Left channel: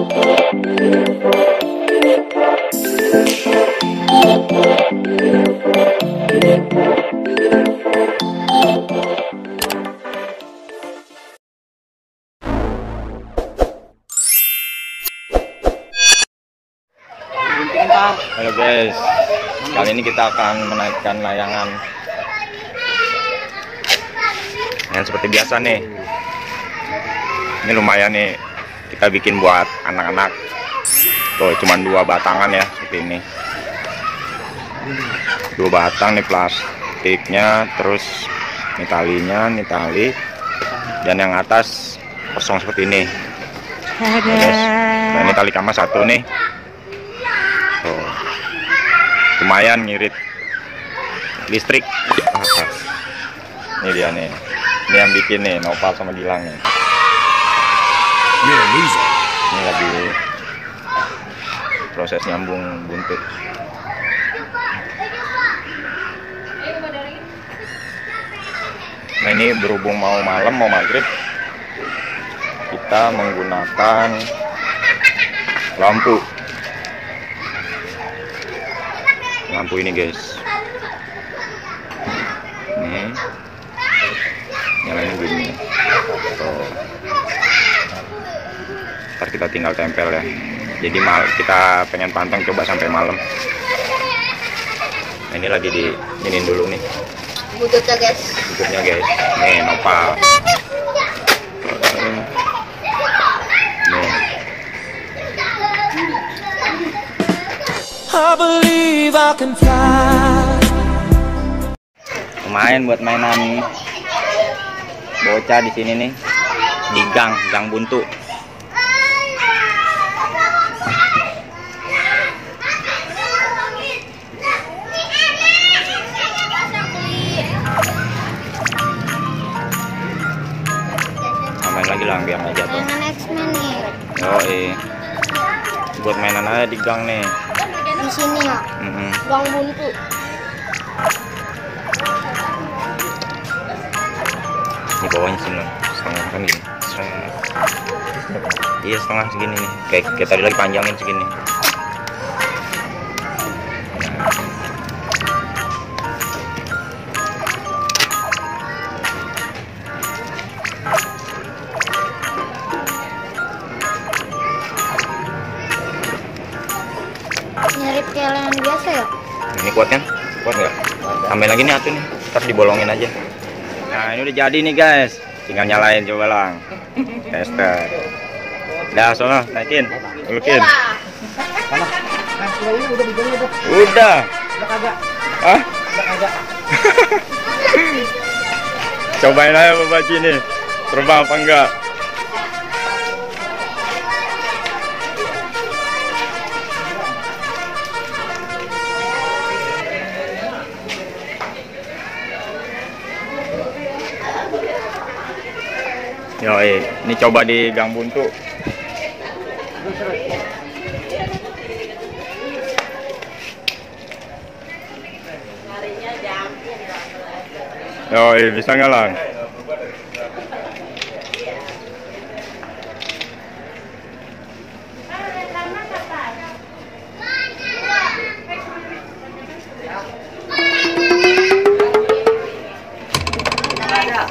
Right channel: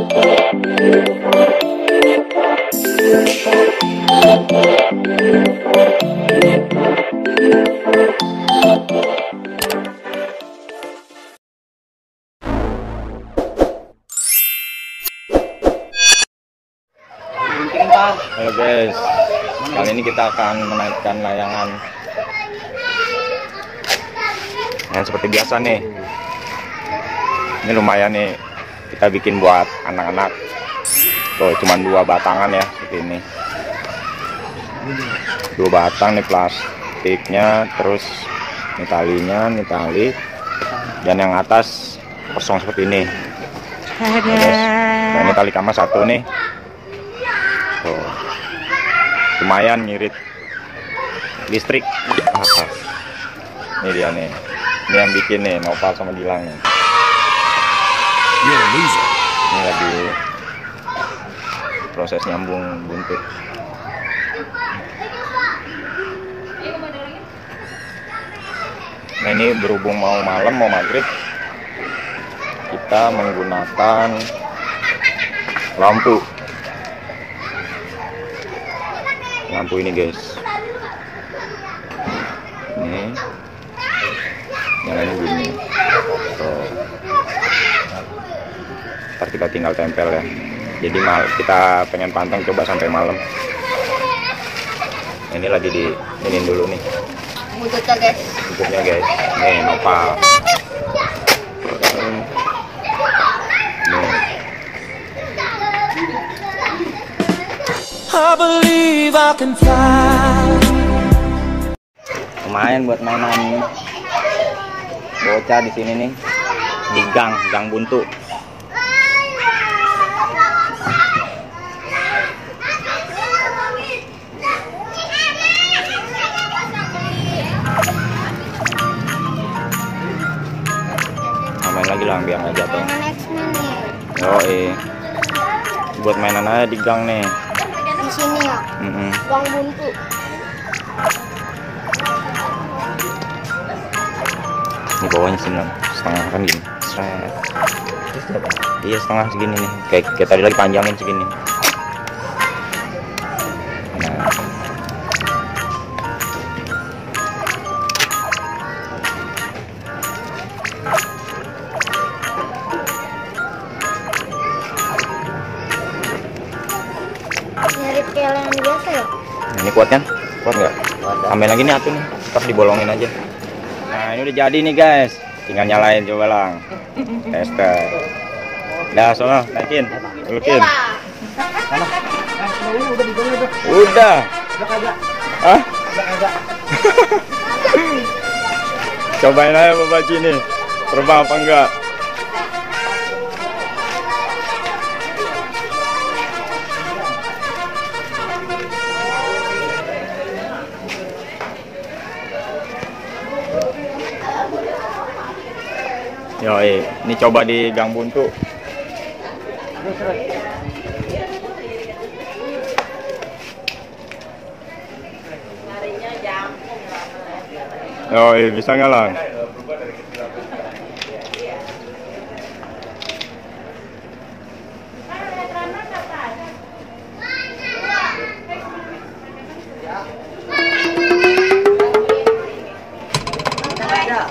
Halo guys, kali ini kita akan menaikkan layangan yang seperti biasa nih. Ini lumayan nih, kita bikin buat anak-anak. Tuh cuman 2 batangan ya, seperti ini. 2 batang nih plastiknya, terus ini talinya, ini tali, dan yang atas kosong seperti ini. Nah, guys. Nah, ini tali kama 1 nih. Tuh. Lumayan ngirit listrik. Ini dia nih, ini yang bikin nih Nopal sama Gilang nih. Ini lagi proses nyambung buntut. Nah ini berhubung mau malam, mau maghrib, kita menggunakan lampu ini guys. Ini nyalain gini. Tuh. Ntar kita tinggal tempel ya. Jadi kita pengen panteng coba sampai malam. Nah, ini lagi diinin dulu nih. Buntutnya guys. Buntutnya guys. Nih Nopal. Nih. I believe I can fly. Lumayan buat mainan bocah di sini nih, di gang buntu. Main lagi lah biar nggak jatuh. Oh iya, buat mainan aja di gang nih. Di sini ya, gang buntu. Di bawahnya sini setengah kan gini, setengah. Iya setengah segini nih, kayak tadi lagi panjangin segini. Mirip kayak yang biasa ya. Ini kuat kan? Kuat nggak? Tambahin lagi nih atuh nih, ntar dibolongin aja. Nah ini udah jadi nih guys, tinggal nyalain coba lang. Tester. Dah sono, naikin, ulukin. Udah. Hah? Cobain aja Bapak nih, terbang apa enggak? Yoi, ini coba di gang buntu. Yoi, bisa nggak lang?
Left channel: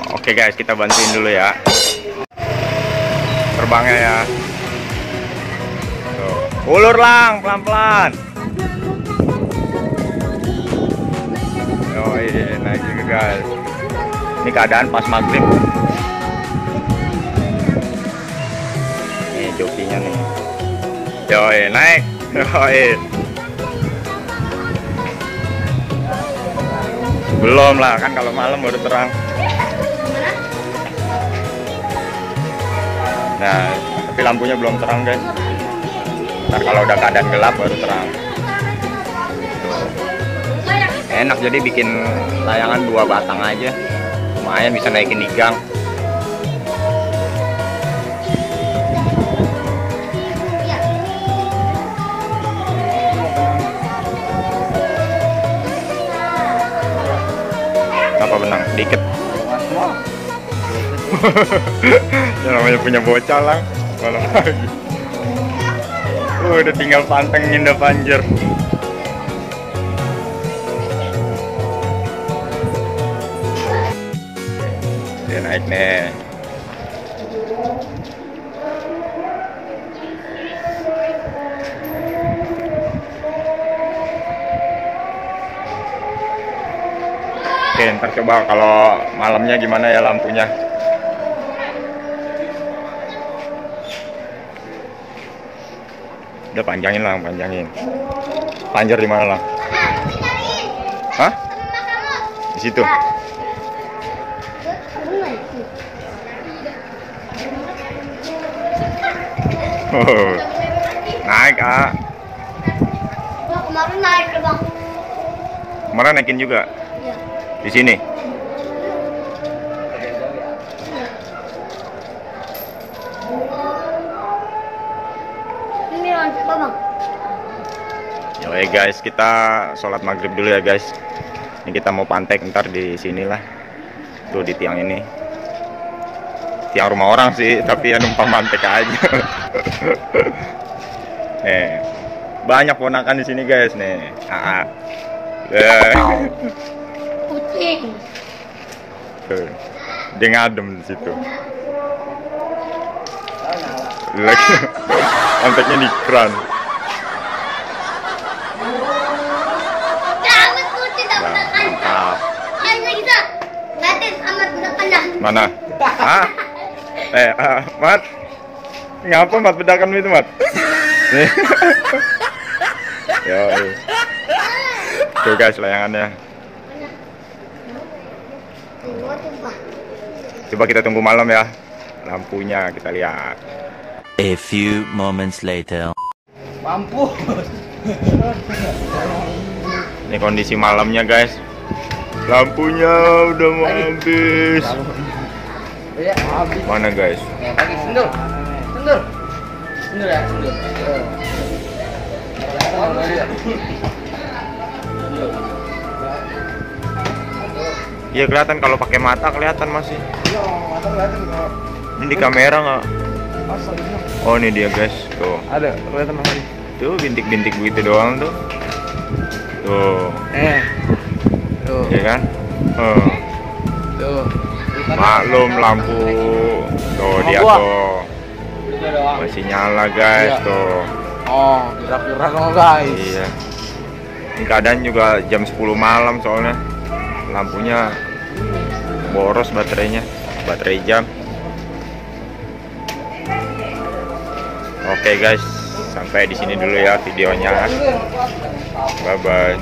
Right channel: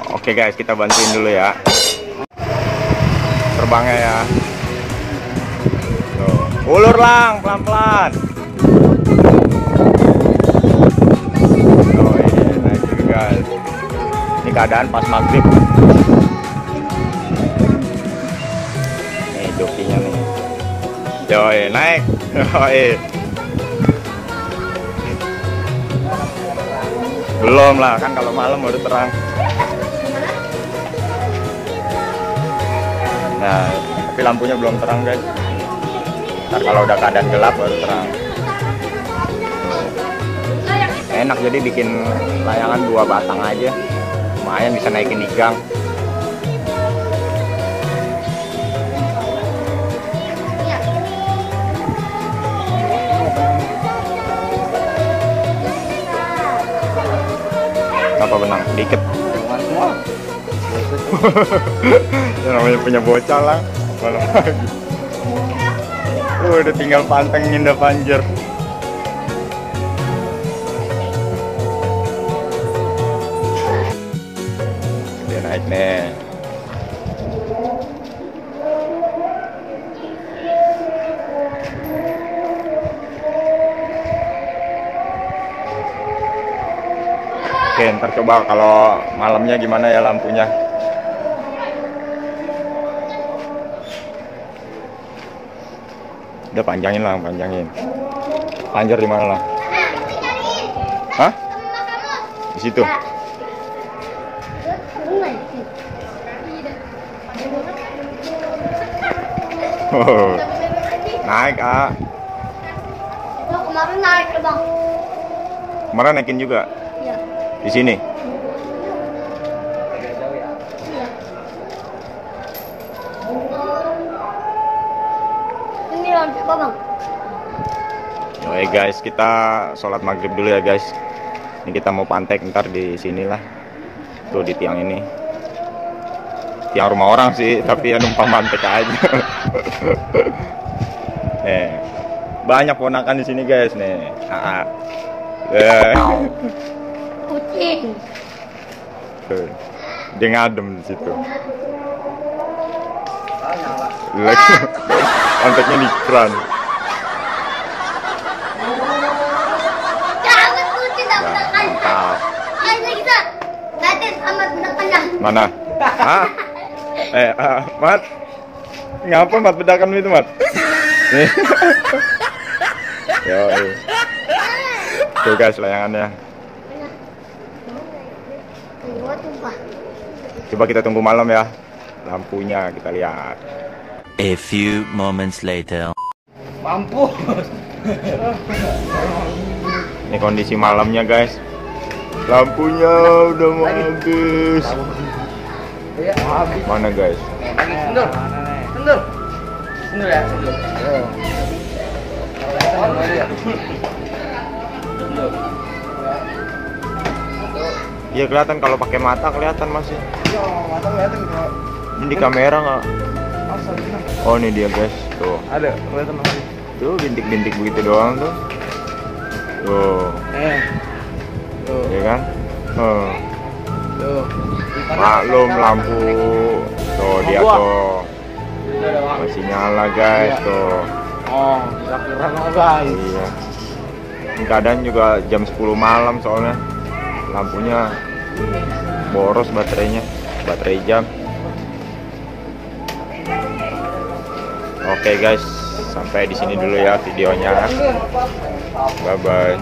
Oke guys, kita bantuin dulu ya terbangnya ya. Tuh. Ulur lang, pelan-pelan. Oh iya, naik juga guys. Ini keadaan pas maghrib. Nih jokinya nih. Yoi, naik. Yoi. Belum lah, kan kalau malam baru terang. Nah, tapi lampunya belum terang guys. Ntar kalau udah keadaan gelap baru terang. Tuh. Enak jadi bikin layangan 2 batang aja. Lumayan bisa naikin di gang. Apa benang? Dikit. Ya namanya punya bocah lang. Mana lagi? Udah tinggal pantengin dah panjer. Dia naik nih. Oke, ntar coba kalau malamnya gimana ya lampunya. Udah panjangin lah, panjangin. Panjer di mana lah? Hah? Di situ. Oh, naik ah. Nah, kemarin naik bang. Kemarin naikin juga. Iya. Di sini. Ini lanjut bang. Oke guys, kita sholat maghrib dulu ya guys. Ini kita mau pantek ntar di sinilah. Tuh di tiang ini. Tiang rumah orang sih, tapi ya numpang pantek aja. Banyak ponakan di sini guys nih. Kucing. Dia ngadem di situ. Lagi panteknya di keran. Jangan kucing tak Ya, makan. mantap. Ayo kita. Batin amat bedakannya. Mana? Hah? Mat. Ngapa Mat bedakan itu, Mat? Nih. Yo, tuh guys layangannya. Coba kita tunggu malam ya. Lampunya kita lihat. A few moments later. Mampus. Ini kondisi malamnya guys. Lampunya udah mau habis. Mana guys? Sendur. Sendur. Sendur ya, sendur. Iya kelihatan kalau pakai mata kelihatan masih. Iya, mata kelihatan kok. Ini di kamera nggak? Masa gitu? Oh ini dia guys. Tuh. Ada, kelihatan masih. Tuh bintik-bintik begitu doang tuh. Tuh. Tuh. Ya kan? Tuh. Maklum lampu. Tuh dia tuh. Masih nyala guys tuh. Oh, kurang guys. Iya. Ini keadaan juga jam 10 malam soalnya. Lampunya boros baterainya. Baterai jam. Oke guys, sampai di sini dulu ya videonya. Bye bye.